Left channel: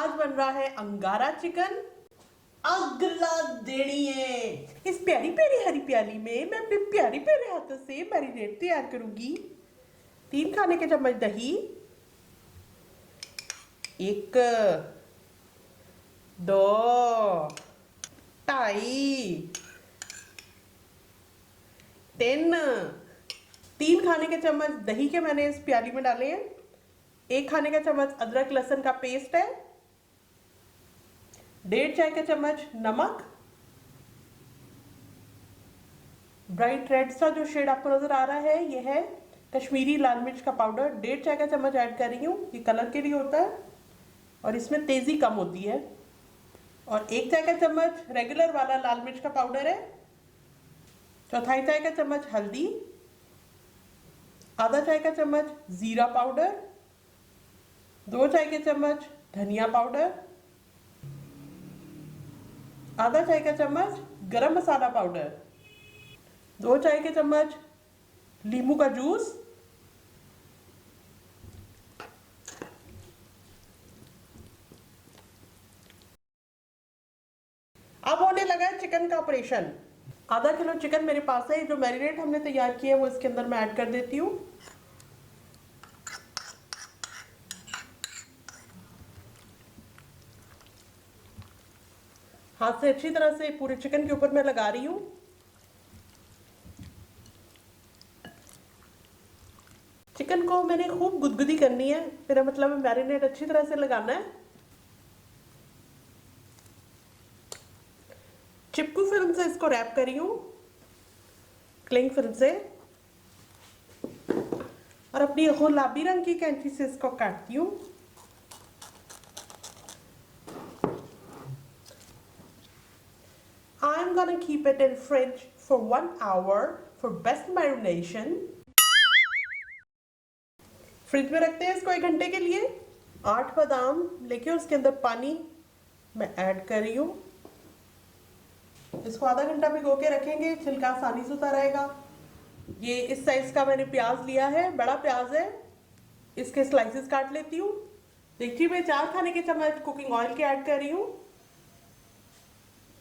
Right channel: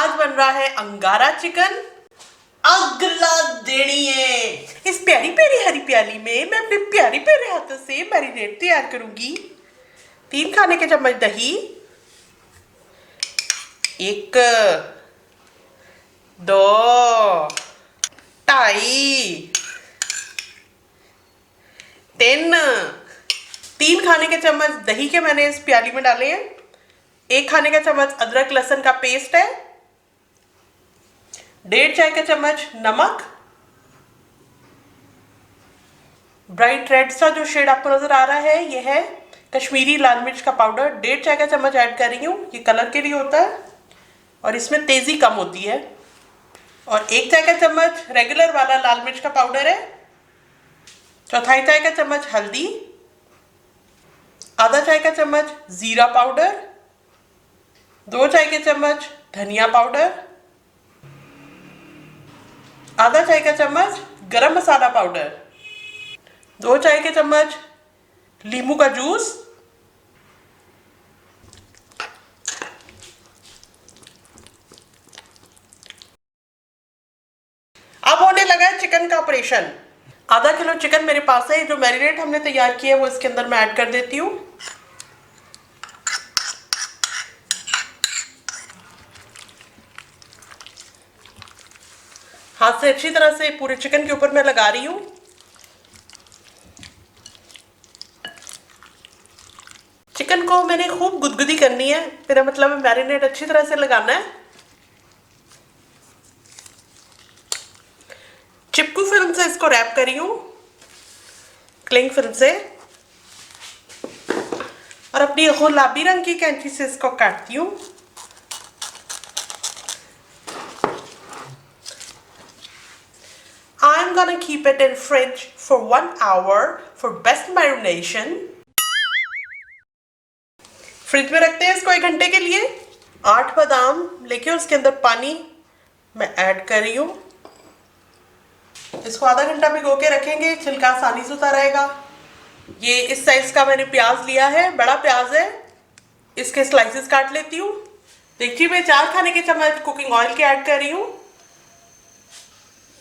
आज बन रहा है अंगारा चिकन। अगला देनिए इस प्यारी प्यारी हरी प्याली में मैं अपने प्यारी प्यारे हाथों से मैरिनेट तैयार करूंगी। 3 खाने के चम्मच दही, 1 2 2.5 3 खाने के चम्मच दही के मैंने इस प्याली में डाले हैं। 1 खाने का चम्मच अदरक लहसुन का पेस्ट है। 1.5 चाय का चम्मच नमक। ब्राइट रेड सा जो शेड आपको नजर आ रहा है ये है कश्मीरी लाल मिर्च का पाउडर। 1.5 चाय का चम्मच ऐड कर रही हूँ, ये कलर के लिए होता है और इसमें तेजी कम होती है। और 1 चाय का चम्मच रेगुलर वाला लाल मिर्च का पाउडर है। 1/4 चाय का चम्मच हल्दी, आधा चाय का चम्मच जीरा पाउडर, 2 चाय के चम्मच धनिया पाउडर, आधा चाय का चम्मच गरम मसाला पाउडर, 2 चाय के चम्मच नींबू का जूस, अब होने लगा है चिकन का ऑपरेशन। आधा किलो चिकन मेरे पास है। जो मैरिनेट हमने तैयार किया है वो इसके अंदर मैं ऐड कर देती हूँ। हाथ से अच्छी तरह से पूरे चिकन के ऊपर मैं लगा रही हूँ। चिकन को मैंने खूब गुदगुदी करनी है, मेरा मतलब है मैरिनेट अच्छी तरह से लगाना है। चिपकू फिल्म से इसको रैप करी हूँ, क्लिंग फिल्म से, और अपनी गुलाबी रंग की कैंची से इसको काटती हूँ। I'm gonna keep it in fridge for 1 hour for best marination. Fridge में रखते हैं इसको 1 घंटे के लिए। 8 बादाम लेके उसके अंदर पानी मैं ऐड कर रही हूँ। इसको आधा घंटा भिगो के रखेंगे, छिलका आसानी से उतार आएगा। ये इस साइज का मैंने प्याज लिया है, बड़ा प्याज है, इसके स्लाइसेस काट लेती हूँ। देखिए मैं 4 खाने के चम्मच कुकिंग ऑयल के ऐड कर रही हूँ।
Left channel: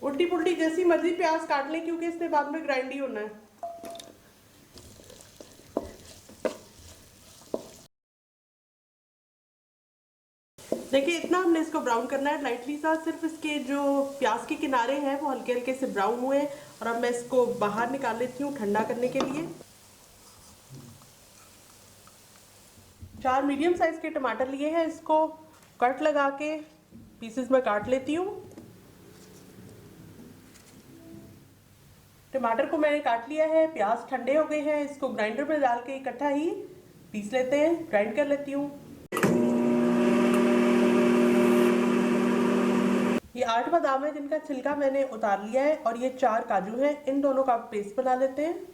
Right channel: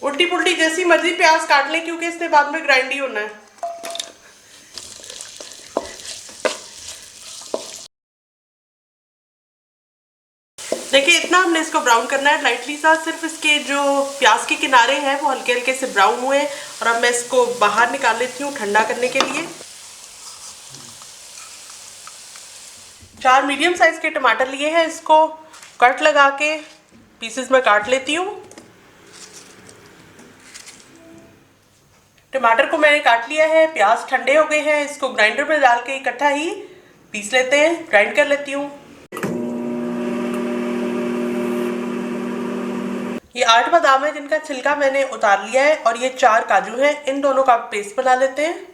उल्टी पुल्टी जैसी मर्जी प्याज काट लें क्योंकि इसने बाद में ग्राइंड ही होना है। देखिए इतना हमने इसको ब्राउन करना है लाइटली सा, सिर्फ इसके जो प्याज के किनारे हैं वो हल्के हल्के से ब्राउन हुए। और अब मैं इसको बाहर निकाल लेती हूँ ठंडा करने के लिए। 4 मीडियम साइज के टमाटर लिए हैं, इसको कट लगा के पीसेस में काट लेती हूँ। टमाटर को मैंने काट लिया है, प्याज ठंडे हो गए हैं, इसको ग्राइंडर में डाल के इकट्ठा ही पीस लेते हैं, ग्राइंड कर लेती हूँ। ये 8 बादाम है जिनका छिलका मैंने उतार लिया है और ये 4 काजू हैं, इन दोनों का पेस्ट बना लेते हैं।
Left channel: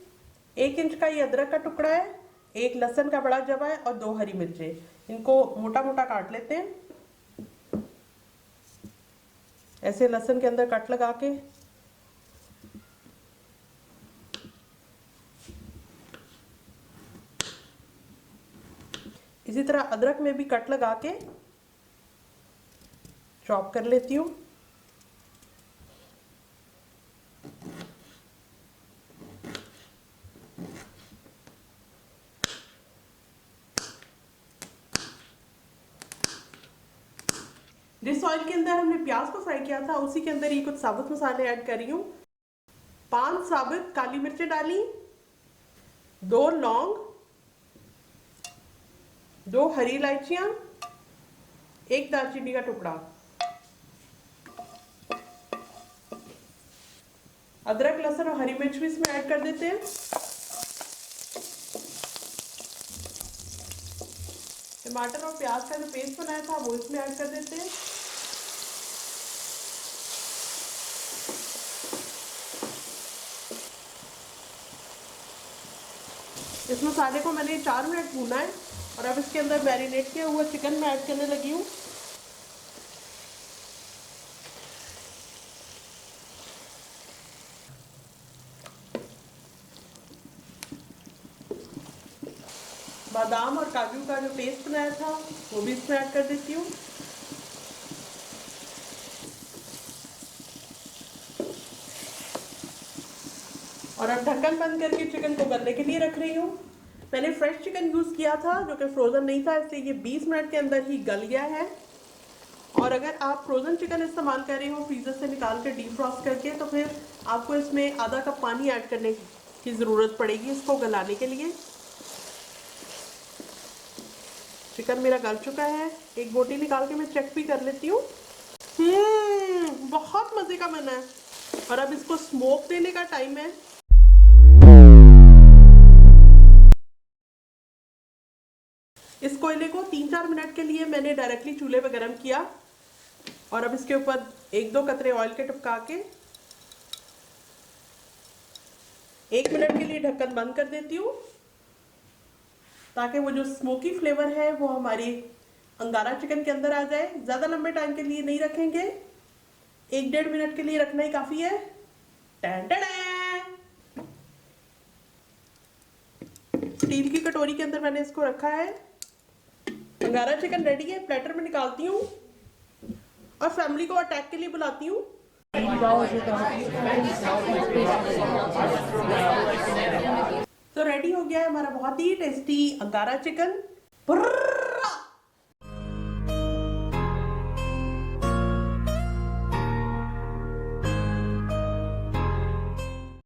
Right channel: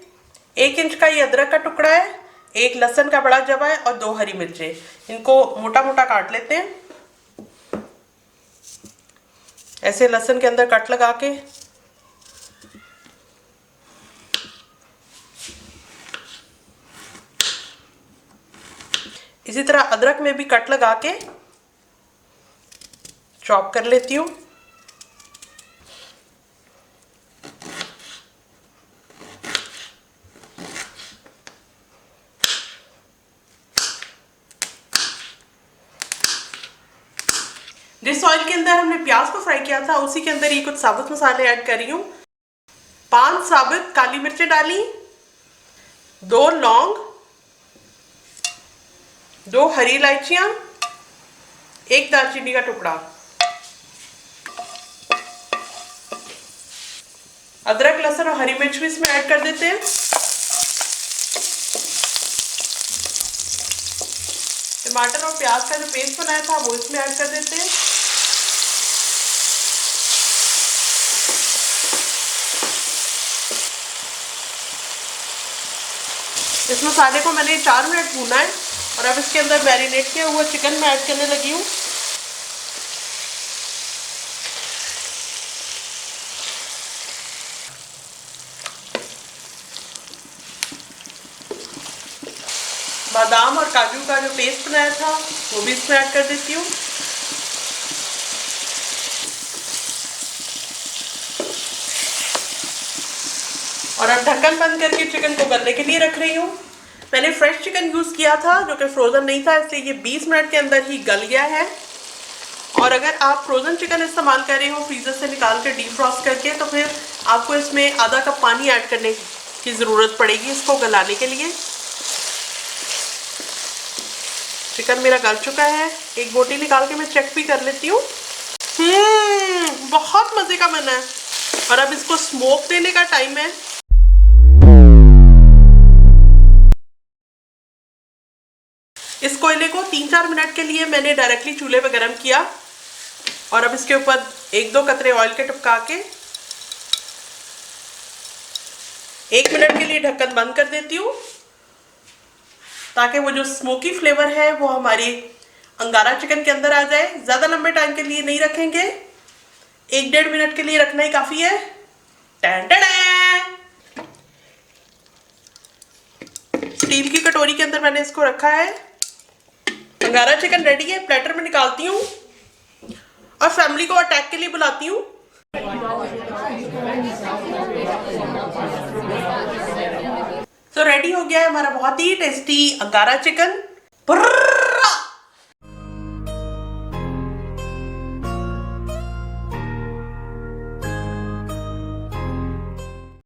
1 इंच का ये अदरक का टुकड़ा है, 1 लहसुन का बड़ा जवा है और 2 हरी मिर्चें। इनको मोटा मोटा काट लेते हैं, ऐसे लहसुन के अंदर कट लगा के। इसी तरह अदरक में भी कट लगा के चॉप कर लेती हूँ। जिस ऑयल के अंदर हमने प्याज को फ्राई किया था उसी के अंदर ये कुछ साबुत मसाले ऐड कर रही हूँ। 5 साबुत काली मिर्चें डाली, 2 लौंग, 2 हरी इलायचियां, 1 दालचीनी का टुकड़ा। अदरक लहसुन और हरी मिर्च भी इसमें ऐड कर देते हैं। टमाटर और प्याज का जो पेस्ट बनाया था वो इसमें ऐड कर देते हैं। इस मसाले को मैंने 4 मिनट भूना है और अब इसके अंदर मैरिनेट किया हुआ चिकन मैं ऐड करने लगी हूँ। बादाम और काजू का जो पेस्ट बनाया था वो भी इसमें ऐड कर देती हूँ। और अब ढक्कन बंद करके चिकन को गलने के लिए रख रही हूँ। मैंने फ्रेश चिकन यूज़ किया था जो कि फ्रोज़न नहीं था, इसलिए ये 20 मिनट के अंदर ही गल गया है। और अगर आप फ्रोज़न चिकन इस्तेमाल कर रहे हो फ्रीज़र से निकाल कर डीप फ्रॉस्ट करके, तो फिर आपको इसमें आधा कप पानी ऐड करने की ज़रूरत पड़ेगी इसको गलाने के लिए। चिकन मेरा गल चुका है, एक बोटी निकाल के मैं चेक भी कर लेती हूँ। बहुत मज़े का बना है। और अब इसको स्मोक देने का टाइम है। इस कोयले को 3-4 मिनट के लिए मैंने डायरेक्टली चूल्हे पे गरम किया और अब इसके ऊपर 1-2 कतरे ऑयल के टपका के 1 मिनट के लिए ढक्कन बंद कर देती हूँ, ताकि वो जो स्मोकी फ्लेवर है वो हमारी अंगारा चिकन के अंदर आ जाए। ज़्यादा लंबे टाइम के लिए नहीं रखेंगे, 1-1.5 मिनट के लिए रखना ही काफ़ी है। स्टील की कटोरी के अंदर मैंने इसको रखा है। अंगारा चिकन रेडी है, प्लेटर में निकालती हूँ और फैमिली को अटैक के लिए बुलाती हूँ। तो रेडी हो गया है हमारा बहुत ही टेस्टी अंगारा चिकन।